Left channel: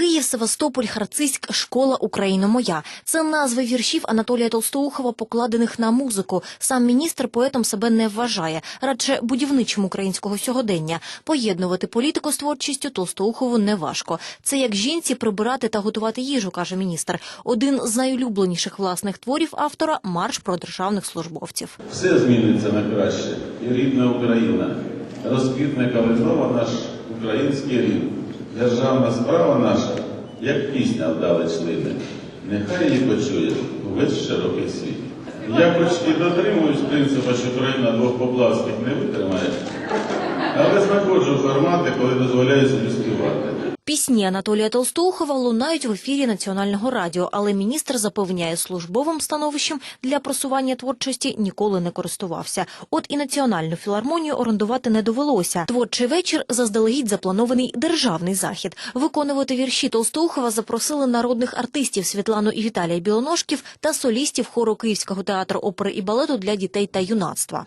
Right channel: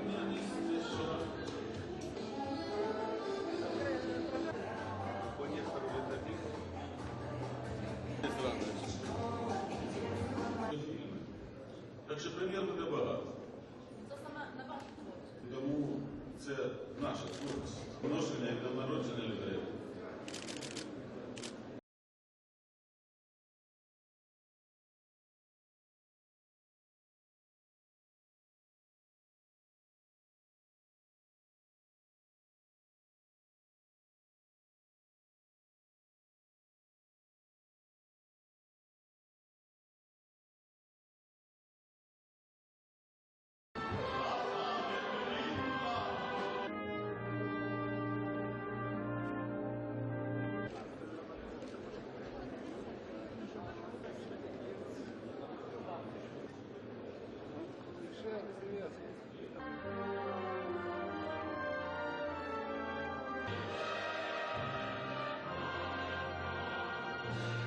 Київ, Севастополь, Харцизьк, школа Україна моя. Це назви віршів Анатолія Толстоухова, покладених на музику. Сам міністр поетом себе не вважає, радше будівничим українського сьогодення. Поєднувати політику з творчістю Толстоухову не важко. Це як жінці прибирати та готувати їжу, каже міністр. Один з найулюбленіших власних творів автора марш про державних службовців. Все зміниться на краще. І рідна Україна. Розквітне калинова наш український рід. Державна справа наша, як пісня вдали члени. Нехай її почує увесь широкий світ. Я хоч і дотримуюсь принципу, що країна двох поплавських не витримає, але знаходжу формати, коли дозволяю собі співати. Пісні Анатолія Толстоухова лунають в ефірі національного радіо, але міністр запевняє, службовим становищем для просування творчості ніколи не користувався. От і національну філармонію орендувати не довелося. Творчий вечір заздалегідь запланований державний захід. Виконувати вірші Толстоухова запросили народних артистів Світлану і Віталія Білоножків та солістів хору Київського театру опери і балету для дітей та юнацтва.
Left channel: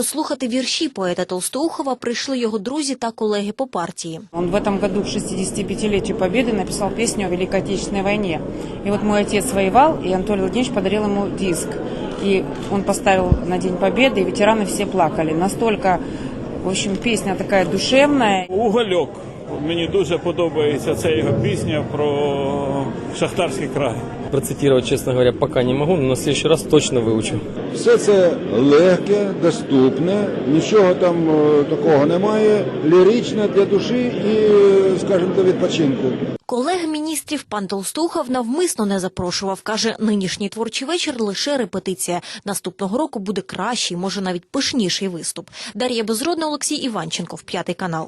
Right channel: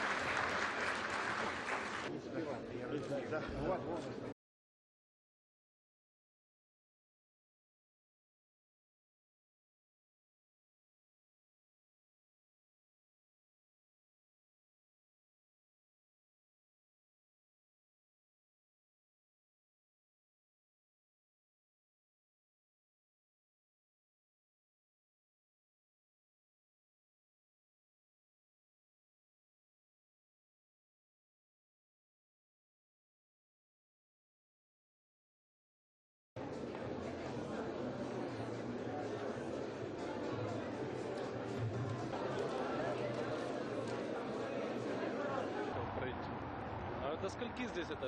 Послухати вірші поета Толстоухова прийшли його друзі та колеги по партії. Он в этом году к 65-летию Победы написал песню о Великой Отечественной войне. И вот мой отец воевал, и Анатолий Владимирович подарил ему диск. И он поставил на День Победы, и ветераны все плакали. Настолько, в общем, песня такая душевная. Угольок. Мені дуже подобається ця його пісня про шахтарський край. Процитировать, честно говоря, пока не могу, но на следующий раз точно выучу. Все це легке, доступне, нічого там е, такого немає. Ліричне для душі і, скажімо, для відпочинку. Колег міністрів пан Толстухов навмисно не запрошував. Каже, нинішній творчий вечір лише репетиція. Наступного року буде кращий, може навіть пишніший виступ. Дар'я Безродна, Олексій Іванченков, п'ятий канал.